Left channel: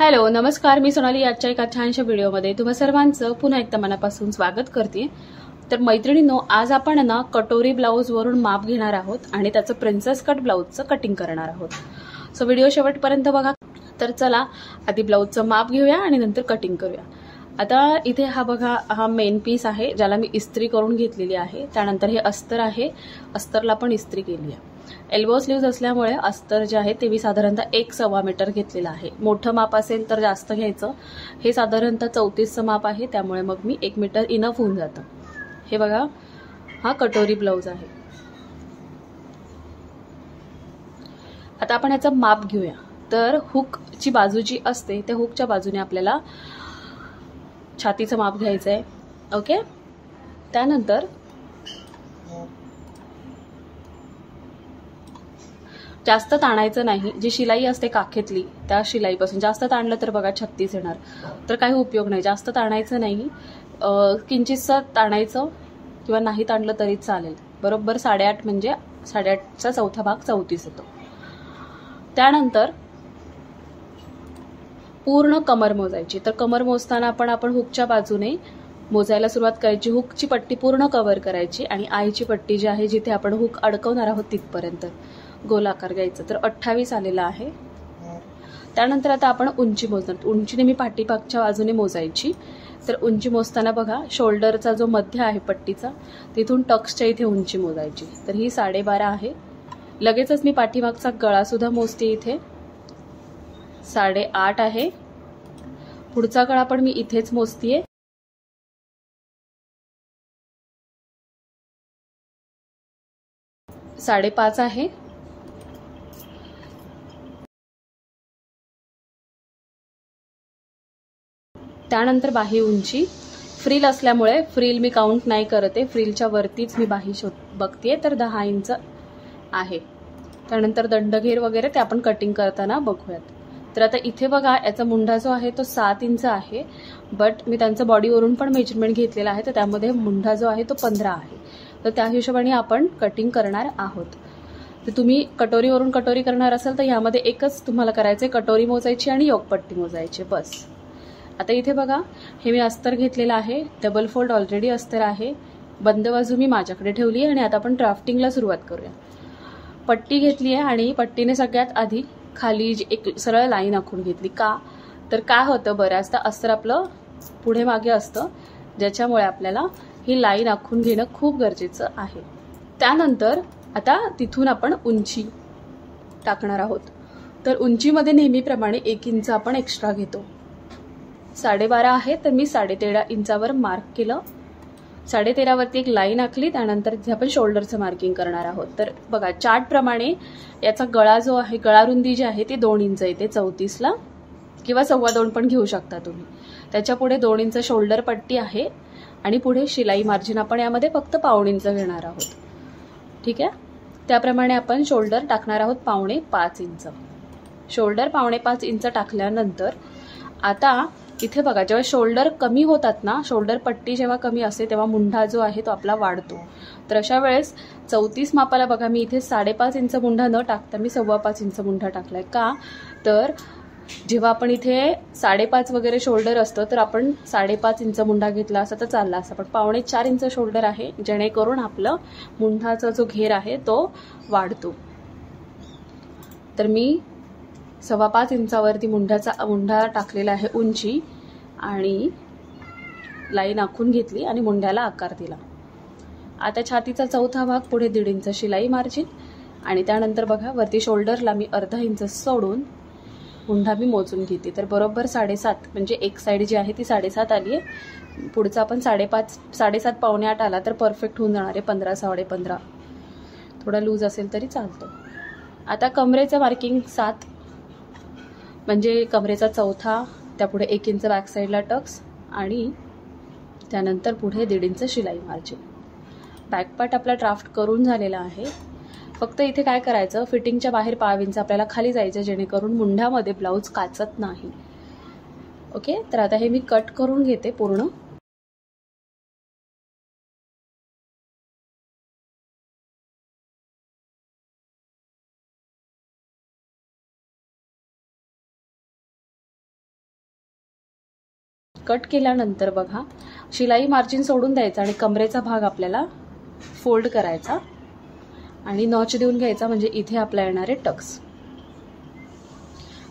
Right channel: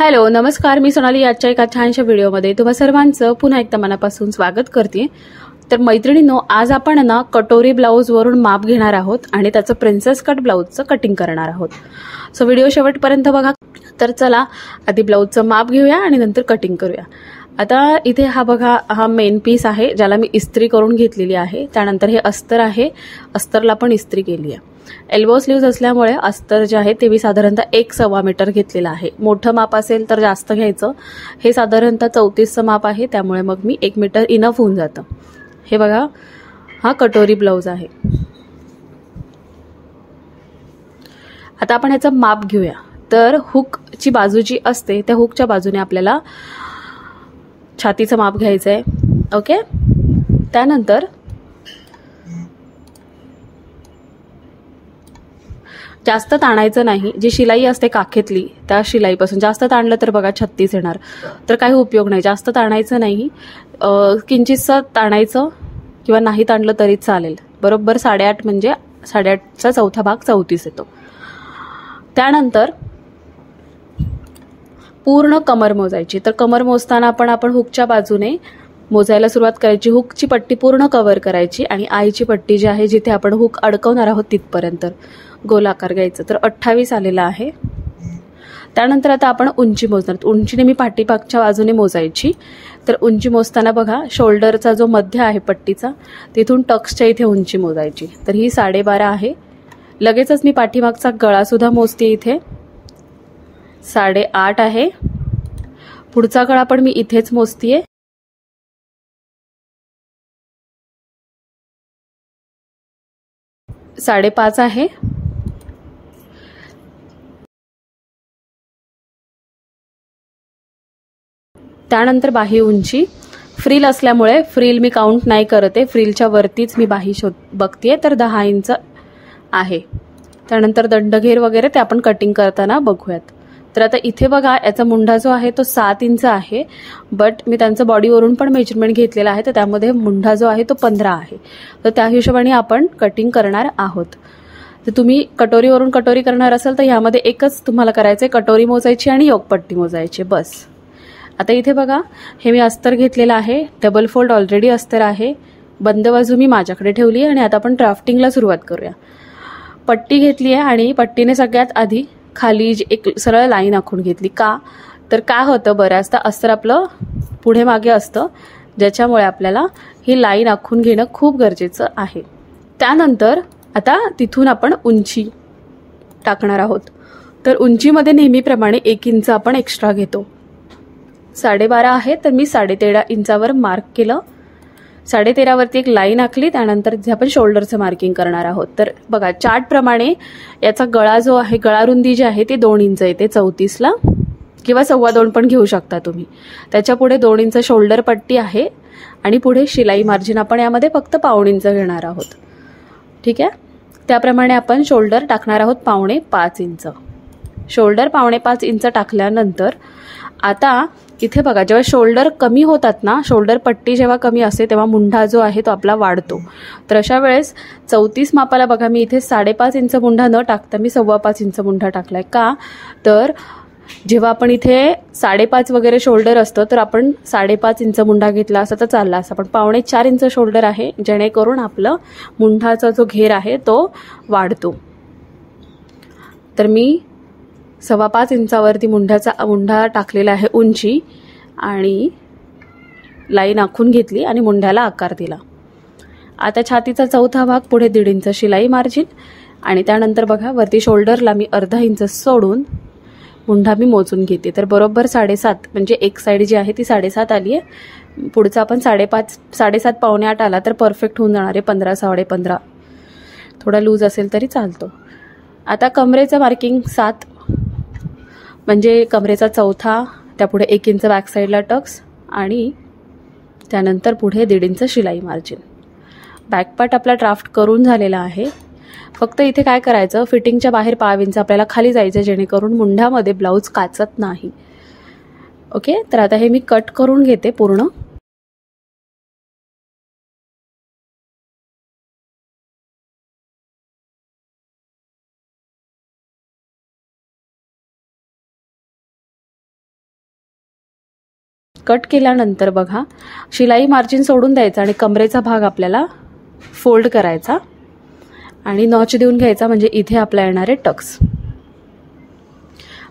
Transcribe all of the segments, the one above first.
Hello नमस्कार, मी सोनाली आजच्या एका छानशा व्हिडिओमध्ये तुम्हा सर्वांचं पुन्हा एकदा मनापासून स्वागत करते। तर मैत्रिणींनो, आज आपण ना कटोरी ब्लाऊजवरून माप घेणार आहोत आणि त्याचं प्रिन्सेस कट ब्लाऊजचं कटिंग करणार आहोत। सो व्हिडिओ शेवटपर्यंत बघा। तर चला आधी ब्लाऊजचं माप घेऊया आणि नंतर कटिंग करूया। आता इथे हा बघा, हा मेन पीस आहे ज्याला मी इस्त्री करून घेतलेली आहे। त्यानंतर हे अस्तर आहे, अस्तरला पण इस्त्री केली आहे। एल्बो स्लीव्ज असल्यामुळे अस्तर जे आहे ते मी साधारणतः 1.25 मीटर घेतलेलं आहे। मोठं माप असेल तर जास्त घ्यायचं। हे साधारणतः 34चं माप आहे, त्यामुळे मग मी 1 मीटर इनफ होऊन जातं। हे बघा, हा कटोरी ब्लाऊज आहे। आता आपण ह्याचं माप घेऊया। तर हुकची बाजू जी असते त्या हुकच्या बाजूने आपल्याला छातीचं माप घ्यायचं आहे। ओके, त्यानंतर जास्त ताणायचं नाही। जी शिलाई असते काखेतली त्या शिलाईपासून जास्त ताणलं तर बघा 36 येणार, तर काही उपयोग नाही। जास्त ताणायचं नाही, किंचितसं ताणायचं किंवा नाही ताणलं तरी चालेल। बरोबर 8.5 म्हणजे 8.5चा चौथा भाग 34 येतो। त्यानंतर पूर्ण कमर मोजायची। तर कमर मोजताना आपण हुकच्या बाजूने मोजायला सुरुवात करायची। हुकची पट्टी पूर्ण कव्हर करायची आणि आईची पट्टी जी आहे जिथे आपण हुक अडकवणार आहोत तिथपर्यंत गोलाकार घ्यायचं। तर 28 आलेला आहे। त्यानंतर आता आपण उंची मोजणार। उंचीने मी पाठीमागच्या बाजूने मोजायची। तर उंची मोजताना बघा, शोल्डरचा जो मध्य आहे पट्टीचा तिथून टक्सच्या इथे उंची मोजायची। तर ही 12.5 आहे। लगेचच मी पाठीमागचा गळा सुद्धा मोजते। इथे 8.5 आहे। पुढचा गळा पण मी इथेच मोजतीये। ,5.5 आहे। त्यानंतर बाही उंची, फ्रिल असल्यामुळे फ्रिल मी काउंट नाही करते, फ्रिलच्या वरतीच मी बाही बघतीये। तर 10 इंच आहे। त्यानंतर दंडघेर वगैरे ते आपण कटिंग करताना बघूयात। तर आता इथे बघा, याचा मुंढा जो आहे तो 7 इंच आहे, बट मी त्यांचं बॉडीवरून पण मेजरमेंट घेतलेलं आहे, तर त्यामध्ये मुंढा जो आहे तो 15 आहे। तर त्या हिशोबाने आपण कटिंग करणार आहोत। तर तुम्ही कटोरीवरून कटोरी करणार असाल तर ह्यामध्ये एकच तुम्हाला करायचं आहे, कटोरी मोजायची आणि योकपट्टी मोजायची, बस। आता इथे बघा, हे मी अस्तर घेतलेलं आहे, डबल फोल्ड ऑलरेडी अस्तर आहे। बंद बाजू मी माझ्याकडे ठेवली आणि आता आपण ड्राफ्टिंगला सुरुवात करूया। पट्टी घेतली आहे आणि पट्टीने सगळ्यात आधी खाली एक सरळ लाईन आखून घेतली। का तर काय होतं, बऱ्याचदा अस्तर आपलं पुढे मागे असतं, ज्याच्यामुळे आपल्याला ही लाईन आखून घेणं खूप गरजेचं आहे। त्यानंतर आता तिथून आपण उंची टाकणार आहोत। तर उंचीमध्ये नेहमीप्रमाणे 1 इंच आपण एक्स्ट्रा घेतो। 12.5 आहे, तर मी 13.5 इंचावर मार्क केलं। 13.5 वरती एक लाईन आखली। त्यानंतर इथे आपण शोल्डरचं मार्किंग करणार आहोत। तर बघा, चार्ट प्रमाणे याचा गळा जो आहे, गळा रुंदी जी आहे ती 2 इंच येते 34ला, किंवा 2.25 पण घेऊ शकता तुम्ही। त्याच्या पुढे 2 इंच शोल्डर पट्टी आहे आणि पुढे शिलाई मार्जिन आपण यामध्ये फक्त 1.25 इंच घेणार आहोत। ठीक आहे, त्याप्रमाणे आपण शोल्डर टाकणार आहोत 4.25 इंच। शोल्डर 4.25 इंच टाकल्यानंतर आता इथे बघा, जेव्हा शोल्डर कमी होतात ना, शोल्डर पट्टी जेव्हा कमी असते तेव्हा मुंढा जो आहे तो आपला वाढतो। तर अशा वेळेस 34 मापाला बघा, मी इथे 5.5 इंच मुंढा न टाकता मी 5.25 इंच मुंढा टाकलाय। का तर जेव्हा आपण इथे 5.5 वगैरे शोल्डर असतं तर आपण 5.5 इंच मुंढा घेतला असता तर चालला असता, पण 4.25 इंच शोल्डर आहे, जेणेकरून आपलं मुंढाचा जो घेर आहे तो वाढतो। तर मी 5.25 इंचावरती मुंढा टाकलेला आहे उंची, आणि लाईन आखून घेतली आणि मुंढ्याला आकार दिला। आता छातीचा चौथा भाग, पुढे 1.5 इंच शिलाई मार्जिन, आणि त्यानंतर बघा, वरती शोल्डरला मी अर्धा इंच सोडून मुंढा मी मोजून घेते। तर बरोबर 7.5, म्हणजे एक साईड जी आहे ती 7.5 आली आहे। पुढचा आपण 5.5, 7.5 पावणे 8 आला तर परफेक्ट होऊन जाणार आहे। 15, 15.5 थोडा लूज असेल तरी चालतो। आता कमरेचं मार्किंग 7, म्हणजे कमरेचा चौथा, त्यापुढे 1 इंच बॅक साईडला टक्स, आणि त्यानंतर पुढे 1.5 इंच शिलाई मार्जिन। बॅकपार्ट आपला ड्राफ्ट करून झालेला आहे। फक्त इथे काय करायचं, फिटिंगच्या बाहेर 1.5 इंच आपल्याला खाली जायचं, जेणेकरून मुंढ्यामध्ये ब्लाऊज काचत नाही। ओके, तर आता हे मी कट करून घेते पूर्ण। कट केल्यानंतर बघा शिलाई मार्जिन सोडून द्यायचा आणि कमरेचा भाग आपल्याला फोल्ड करायचा आणि नॉच देऊन घ्यायचा, म्हणजे इथे आपल्या येणारे टक्स.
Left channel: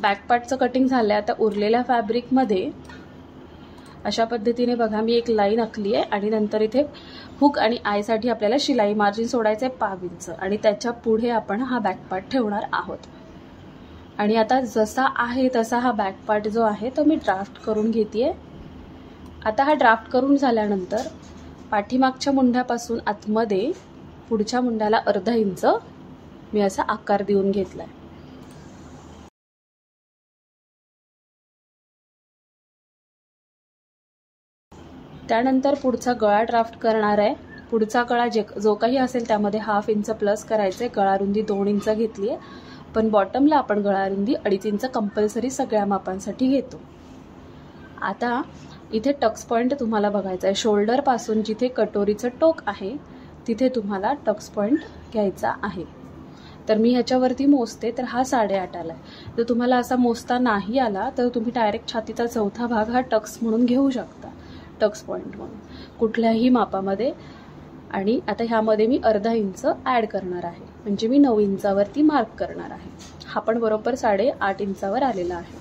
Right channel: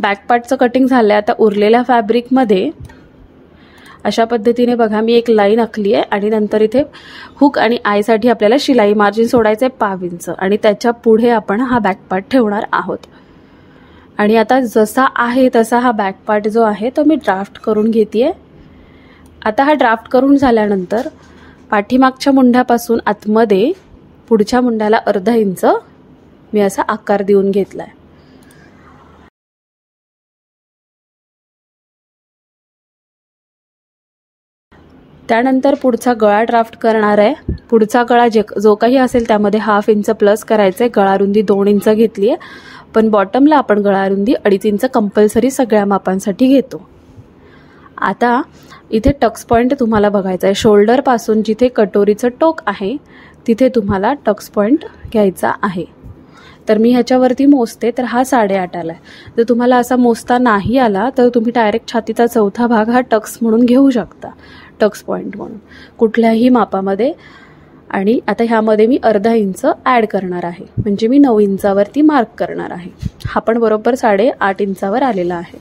बॅक पार्टचं कटिंग झालं आहे. आता उरलेल्या फॅब्रिकमध्ये अशा पद्धतीने बघा मी एक लाईन आखली आहे आणि नंतर इथे हुक आणि आयसाठी आपल्याला शिलाई मार्जिन सोडायचं आहे 5 इंच आणि त्याच्या पुढे आपण हा बॅक पार्ट ठेवणार आहोत. आणि आता जसा आहे तसा हा बॅक पार्ट जो आहे तो मी ड्राफ्ट करून घेते. आता हा ड्राफ्ट करून झाल्यानंतर पाठीमागच्या मुंड्यापासून आतमध्ये पुढच्या मुंड्याला अर्धा इंच मी असा आकार देऊन घेतलाय. त्यानंतर पुढचा गळा ड्राफ्ट करणार आहे. पुढचा गळा जो काही असेल त्यामध्ये 1/2 इंच प्लस करायचं आहे. गळा रुंदी 2 इंच घेतली आहे, पण बॉटमला आपण गळा रुंदी 2.5 इंच कंपल्सरी सगळ्या मापांसाठी घेतो. आता इथे टक्स पॉईंट तुम्हाला बघायचा आहे. शोल्डरपासून जिथे कटोरीचं टोक आहे तिथे तुम्हाला टक्स पॉईंट घ्यायचा आहे. तर मी ह्याच्यावरती मोजते, तर हा 8.5 आला आहे. जर तुम्हाला असा मोजता नाही आला तर तुम्ही डायरेक्ट छातीचा चौथा भाग हा टक्स म्हणून घेऊ शकता, टक्स पॉईंट म्हणून कुठल्याही मापामध्ये. आणि आता ह्यामध्ये मी अर्धा इंच ॲड करणार आहे, म्हणजे मी 9 इंचावरती मार्क करणार आहे. हा पण बरोबर 8.5 इंचावर आलेला आहे.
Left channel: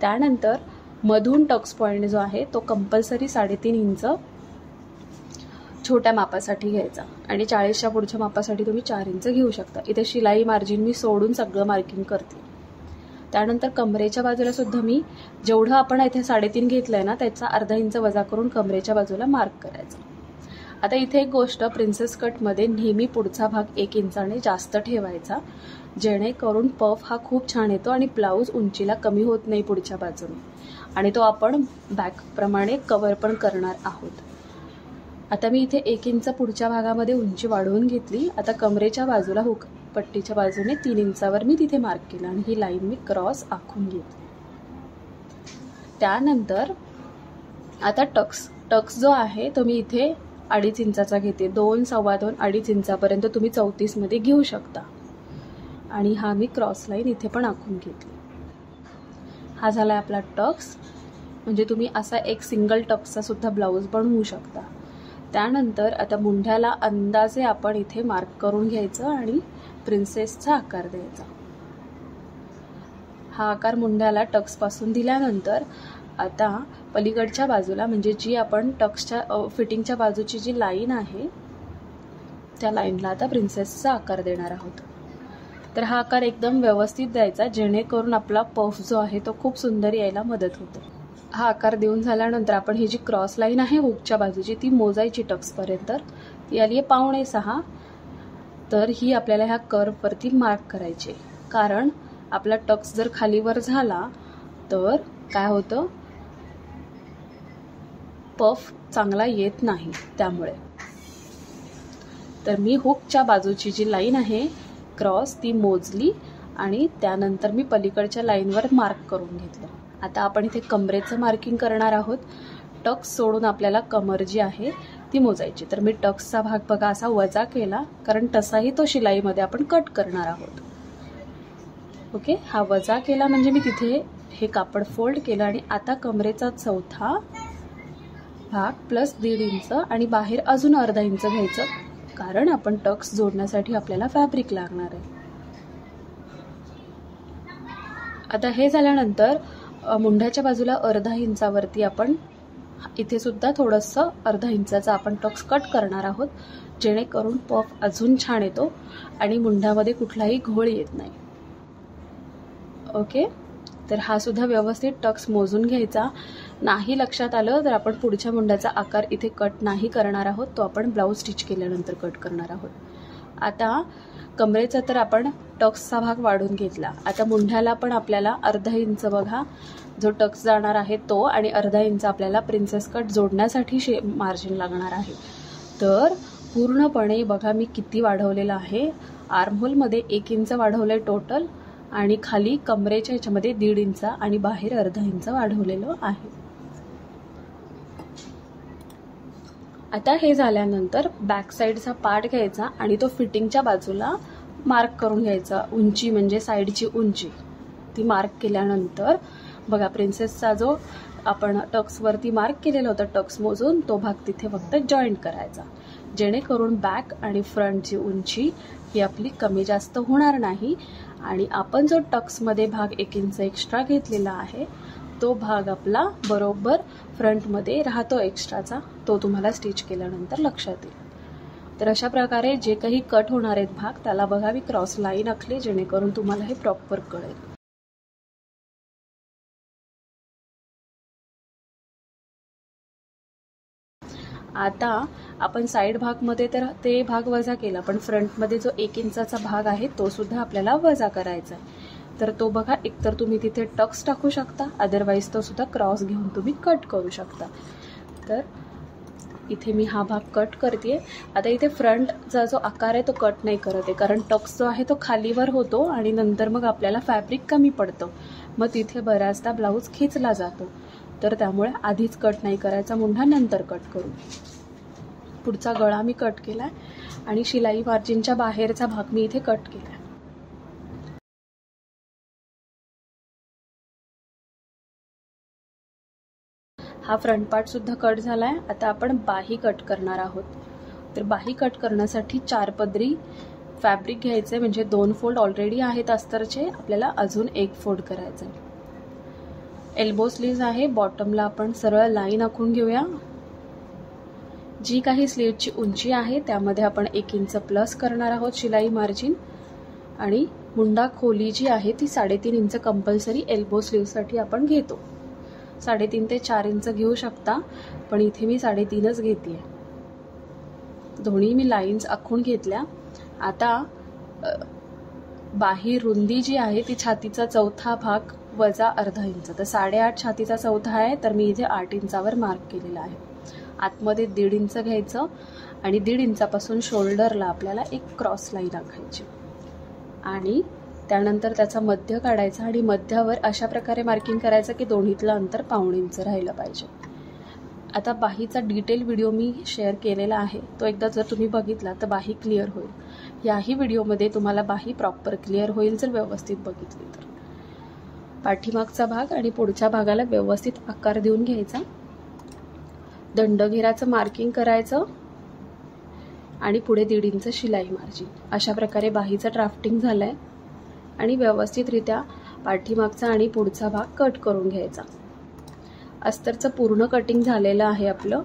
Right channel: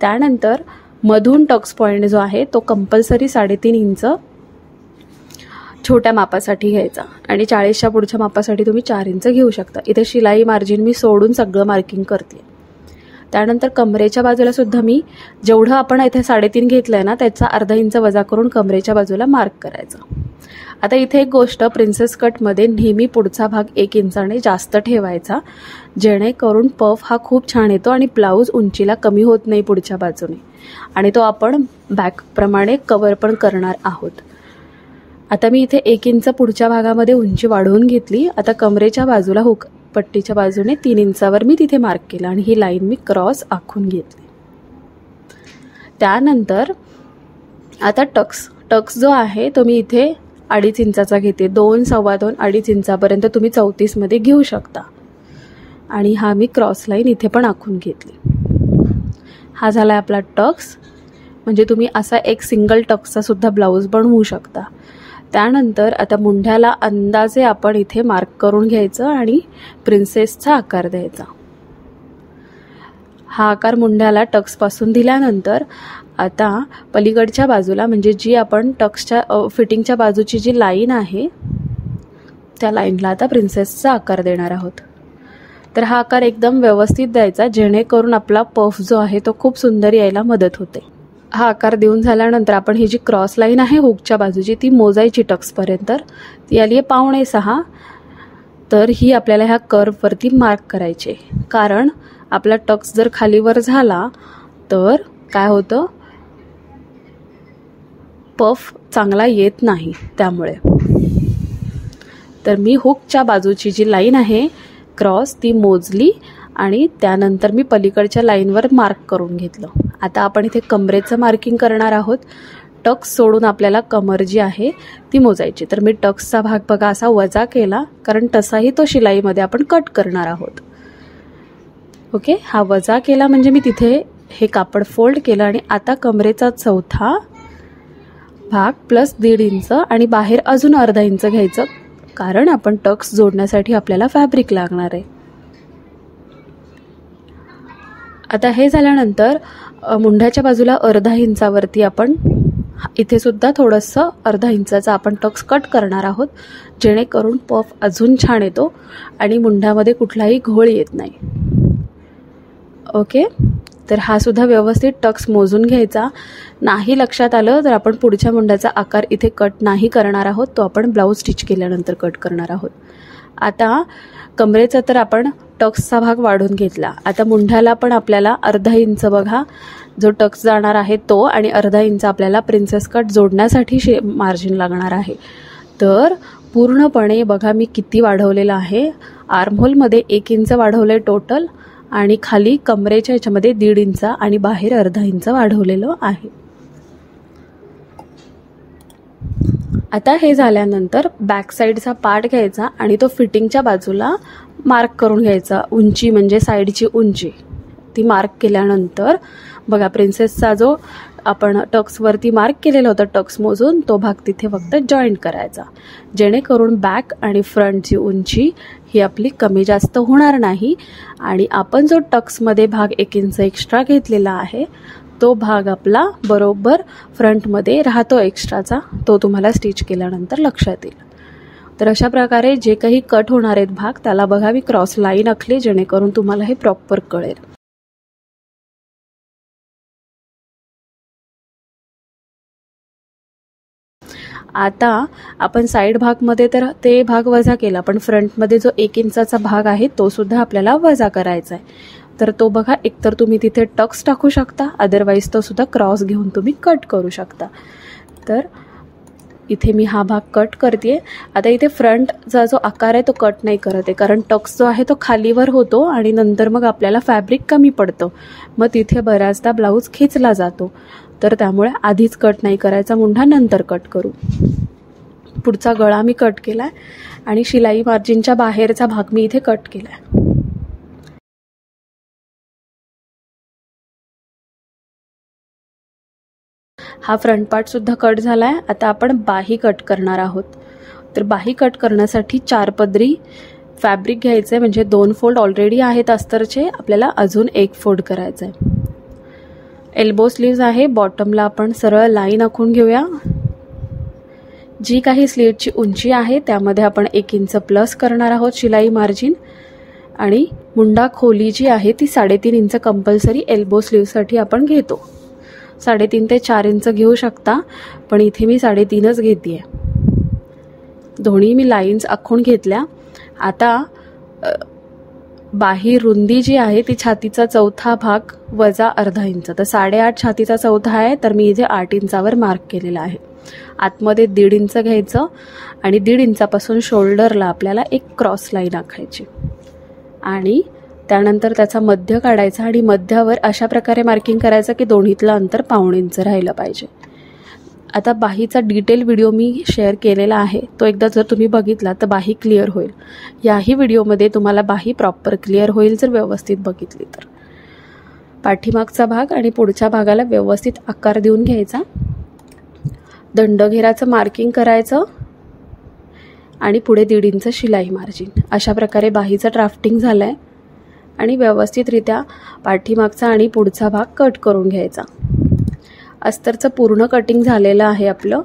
त्यानंतर मधून टक्स पॉईंट जो आहे तो कंपल्सरी 3.5 इंच छोट्या मापासाठी घ्यायचा आणि 40च्या पुढच्या मापासाठी तुम्ही 4 इंच घेऊ शकता. इथे शिलाई मार्जिन मी सोडून सगळं मार्किंग करते. त्यानंतर कमरेच्या बाजूला सुद्धा मी जेवढं आपण इथे 3.5 घेतलंय ना त्याचा अर्धा इंच वजा करून कमरेच्या बाजूला मार्क करायचा. आता इथे एक गोष्ट, प्रिन्सेस कटमध्ये नेहमी पुढचा भाग 1 इंचाने जास्त ठेवायचा, जेणेकरून पफ हा खूप छान येतो आणि ब्लाऊज उंचीला कमी होत नाही पुढच्या बाजूने, आणि तो आपण बॅकप्रमाणे कवर पण करणार आहोत. आता मी इथे 1 इंच पुढच्या भागामध्ये उंची वाढवून घेतली. आता कमरेच्या बाजूला हुक पट्टीच्या बाजूने 3 इंचावर मी तिथे मार्क केलं आणि ही लाईन मी क्रॉस आखून घेतली. त्यानंतर आता टक्स जो आहे तो मी इथे 2.5 इंचाचा घेते. 2, 2.25, 2.5 इंचापर्यंत तुम्ही 34 मध्ये घेऊ शकता. आणि हा मी क्रॉस लाईन इथे पण आखून घेतली. हा झाला आपला टक्स, म्हणजे तुम्ही असा एक सिंगल टक्सचा सुद्धा ब्लाऊज बनवू शकता. त्यानंतर आता मुंढ्याला अंदाजे आपण इथे मार्क करून घ्यायचं आणि प्रिन्सेसचा आकार द्यायचा. हा आकार मुंढ्याला टक्सपासून दिल्यानंतर आता पलीकडच्या बाजूला, म्हणजे जी आपण टक्सच्या फिटिंगच्या बाजूची जी लाईन आहे त्या लाईनला आता प्रिन्सेसचा आकार देणार आहोत. तर हा आकार एकदम व्यवस्थित द्यायचा, जेणेकरून आपला पफ जो आहे तो खूप सुंदर यायला मदत होते. हा आकार देऊन झाल्यानंतर आपण ही जी क्रॉस लाईन आहे हुकच्या बाजूची ती मोजायची टक्सपर्यंत. ती आली आहे 5.5. तर ही आपल्याला ह्या कर्ववरती मार्क करायची, कारण आपला टक्स जर खालीवर झाला तर काय होतं, पफ चांगला येत नाही. त्यामुळे तर मी हुकच्या बाजूची जी लाईन आहे क्रॉस ती मोजली आणि त्यानंतर मी पलीकडच्या लाईनवर मार्क करून घेतलं. आता आपण इथे कमरेचं मार्किंग करणार आहोत. टक्स सोडून आपल्याला कमर जी आहे ती मोजायची. तर मी टक्सचा भाग बघा असा वजा केला, कारण तसाही तो शिलाईमध्ये आपण कट करणार आहोत. ओके, हा वजा केला म्हणजे मी तिथे हे कापड फोल्ड केलं आणि आता कमरेचा चौथा भाग प्लस 1.5 इंच आणि बाहेर अजून अर्धा इंच घ्यायचं, कारण आपण टक्स जोडण्यासाठी आपल्याला फॅब्रिक लागणार आहे. आता हे झाल्यानंतर मुंढ्याच्या बाजूला अर्धा इंचावरती आपण इथे सुद्धा थोडंसं अर्धा इंचाचा आपण टक्स कट करणार आहोत, जेणेकरून पफ अजून छान येतो आणि मुंढ्यामध्ये कुठलाही घोळ येत नाही. ओके, तर हा सुद्धा व्यवस्थित टक्स मोजून घ्यायचा. नाही लक्षात आलं तर आपण पुढच्या मुंड्याचा आकार इथे कट नाही करणार आहोत, तो आपण ब्लाऊज स्टिच केल्यानंतर कट करणार आहोत. आता कमरेचा तर आपण टक्सचा भाग वाढून घेतला. आता मुंढ्याला पण आपल्याला अर्धा इंच बघा जो टक्स जाणार आहे तो, आणि अर्धा इंच आपल्याला प्रिन्सेस कट जोडण्यासाठी मार्जिन लागणार आहे. तर पूर्णपणे बघा मी किती वाढवलेलं आहे. आर्महोलमध्ये 1 इंच वाढवलं आहे टोटल, आणि खाली कमरेच्या ह्याच्यामध्ये 1.5 इंच आणि बाहेर अर्धा इंच वाढवलेलं आहे. आता हे झाल्यानंतर बॅक साईडचा पार्ट घ्यायचा आणि तो फिटिंगच्या बाजूला मार्क करून घ्यायचा. उंची म्हणजे साईडची उंची ती मार्क केल्यानंतर बघा प्रिन्सेसचा जो आपण टक्सवरती मार्क केलेला होता टक्स मोजून, तो भाग तिथे फक्त जॉईंट करायचा, जेणेकरून बॅक आणि फ्रंटची उंची ही आपली कमी जास्त होणार नाही. आणि आपण जो टक्समध्ये भाग 1 इंच एक्स्ट्रा घेतलेला आहे तो भाग आपला बरोबर फ्रंटमध्ये राहतो एक्स्ट्राचा, तो तुम्हाला स्टिच केल्यानंतर लक्षात येईल. तर अशा प्रकारे जे काही कट होणार आहेत भाग त्याला बघा मी क्रॉस लाईन आखली, जेणेकरून तुम्हाला हे प्रॉपर कळेल. आता आपण साईड भागमध्ये तर ते भाग वजा केला, पण फ्रंटमध्ये जो 1 इंचाचा भाग आहे तो सुद्धा आपल्याला वजा करायचा आहे. तर तो बघा एकतर तुम्ही तिथे टक्स टाकू शकता, अदरवाईज तो सुद्धा क्रॉस घेऊन तुम्ही कट करू शकता. तर इथे मी हा भाग कट करते. आता इथे फ्रंटचा जो आकार आहे तो कट नाही करत आहे, कारण टक्स जो आहे तो खालीवर होतो आणि नंतर मग आपल्याला फॅब्रिक कमी पडतं, मग तिथे बऱ्याचदा ब्लाऊज खिचला जातो. तर त्यामुळे आधीच कट नाही करायचा मुंढा, नंतर कट करू. पुढचा गळा मी कट केला आहे आणि शिलाई मार्जिनच्या बाहेरचा भाग मी इथे कट केला आहे. हा फ्रंट पार्ट सुद्धा कट झाला आहे. आता आपण बाही कट करणार आहोत. तर बाही कट करण्यासाठी 4 पदरी फॅब्रिक घ्यायचं आहे, म्हणजे 2 फोल्ड ऑलरेडी आहेत अस्तरचे, आपल्याला अजून 1 फोल्ड करायचं आहे. एल्बो स्लीव्ज आहे, बॉटमला आपण सरळ लाईन आखून घेऊया. जी काही स्लीवची उंची आहे त्यामध्ये आपण 1 इंच प्लस करणार आहोत शिलाई मार्जिन. आणि मुंडा खोली जी आहे ती 3.5 इंच कंपल्सरी एल्बो स्लीवसाठी आपण घेतो. 3.5 ते 4 इंच घेऊ शकता, पण इथे मी 3.5च घेते आहे. दोन्ही मी लाईन्स आखून घेतल्या. आता बाही रुंदी जी आहे ती छातीचा चौथा भाग वजा अर्धा इंच, तर 8.5 छातीचा चौथा आहे, तर मी इथे 8 इंचावर मार्क केलेला आहे. आतमध्ये 1.5 इंच घ्यायचं आणि 1.5 इंचापासून शोल्डरला आपल्याला एक क्रॉस लाईन आखायची आणि त्यानंतर त्याचा मध्य काढायचा आणि मध्यावर अशा प्रकारे मार्किंग करायचं की दोन्हीतलं अंतर 1.5 इंच राहिलं पाहिजे. आता बाहीचा डिटेल व्हिडिओ मी शेअर केलेला आहे, तो एकदा जर तुम्ही बघितला तर बाही क्लिअर होईल. याही व्हिडिओमध्ये तुम्हाला बाही प्रॉपर क्लिअर होईल जर व्यवस्थित बघितली तर. पाठीमागचा भाग आणि पुढच्या भागाला व्यवस्थित आकार देऊन घ्यायचा. दंडघेराचं मार्किंग करायचं आणि पुढे 1.5 इंच शिलाई मार्जिन. अशा प्रकारे बाहीचं ड्राफ्टिंग झालं आहे आणि व्यवस्थितरित्या पाठीमागचा आणि पुढचा भाग कट करून घ्यायचा. अस्तरचं पूर्ण कटिंग झालेलं आहे आपलं.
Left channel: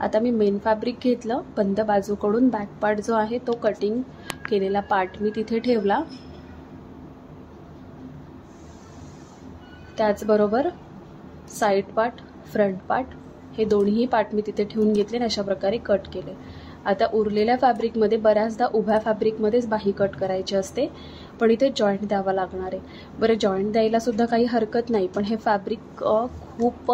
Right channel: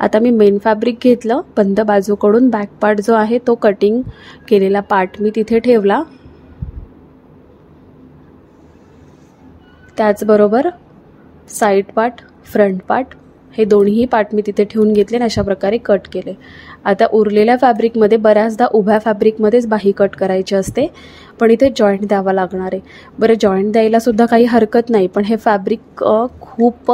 आता मी मेन फॅब्रिक घेतलं, बंद बाजूकडून बॅक पार्ट जो आहे तो कटिंग केलेला पार्ट मी तिथे ठेवला. त्याचबरोबर साईड पार्ट, फ्रंट पार्ट हे दोन्ही पार्ट मी तिथे ठेवून घेतले आणि अशा प्रकारे कट केले. आता उरलेल्या फॅब्रिकमध्ये बऱ्याचदा उभ्या फॅब्रिकमध्येच बाही कट करायची असते, पण इथे जॉईंट द्यावा लागणार आहे. बरं, जॉईंट द्यायला सुद्धा काही हरकत नाही, पण हे फॅब्रिक खूप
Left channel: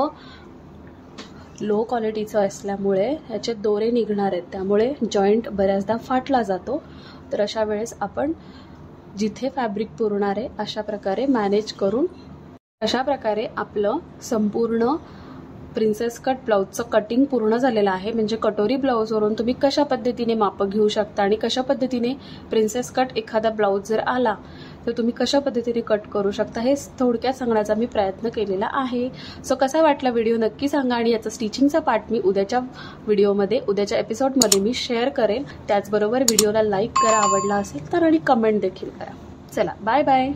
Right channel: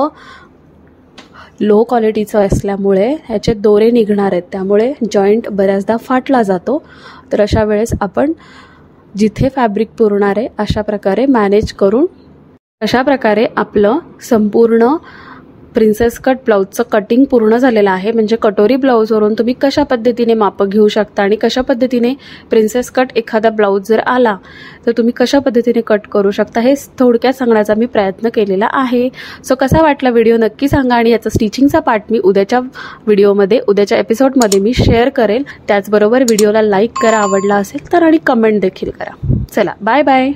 लो क्वालिटीचं असल्यामुळे ह्याचे दोरे निघणार आहेत, त्यामुळे जॉईंट बऱ्याचदा फाटला जातो. तर अशा वेळेस आपण जिथे फॅब्रिक पुरणार आहे अशा प्रकारे मॅनेज करून अशा प्रकारे आपलं संपूर्ण प्रिन्सेस कट ब्लाऊजचं कटिंग पूर्ण झालेलं आहे. म्हणजे कटोरी ब्लाऊजवरून तुम्ही कशा पद्धतीने मापं घेऊ शकता आणि कशा पद्धतीने प्रिन्सेस कट एखादा ब्लाऊज जर आला तर तुम्ही कशा पद्धतीने कट करू शकता हे थोडक्यात सांगण्याचा मी प्रयत्न केलेला आहे. सो कसा वाटला व्हिडिओ नक्की सांगा आणि याचा स्टिचिंगचा पार्ट मी उद्याच्या व्हिडिओमध्ये, उद्याच्या एपिसोडमध्ये मी शेअर करेल. त्याचबरोबर व्हिडिओला लाईक करा आवडला असेल तर आणि कमेंट देखील करा. चला बाय बाय.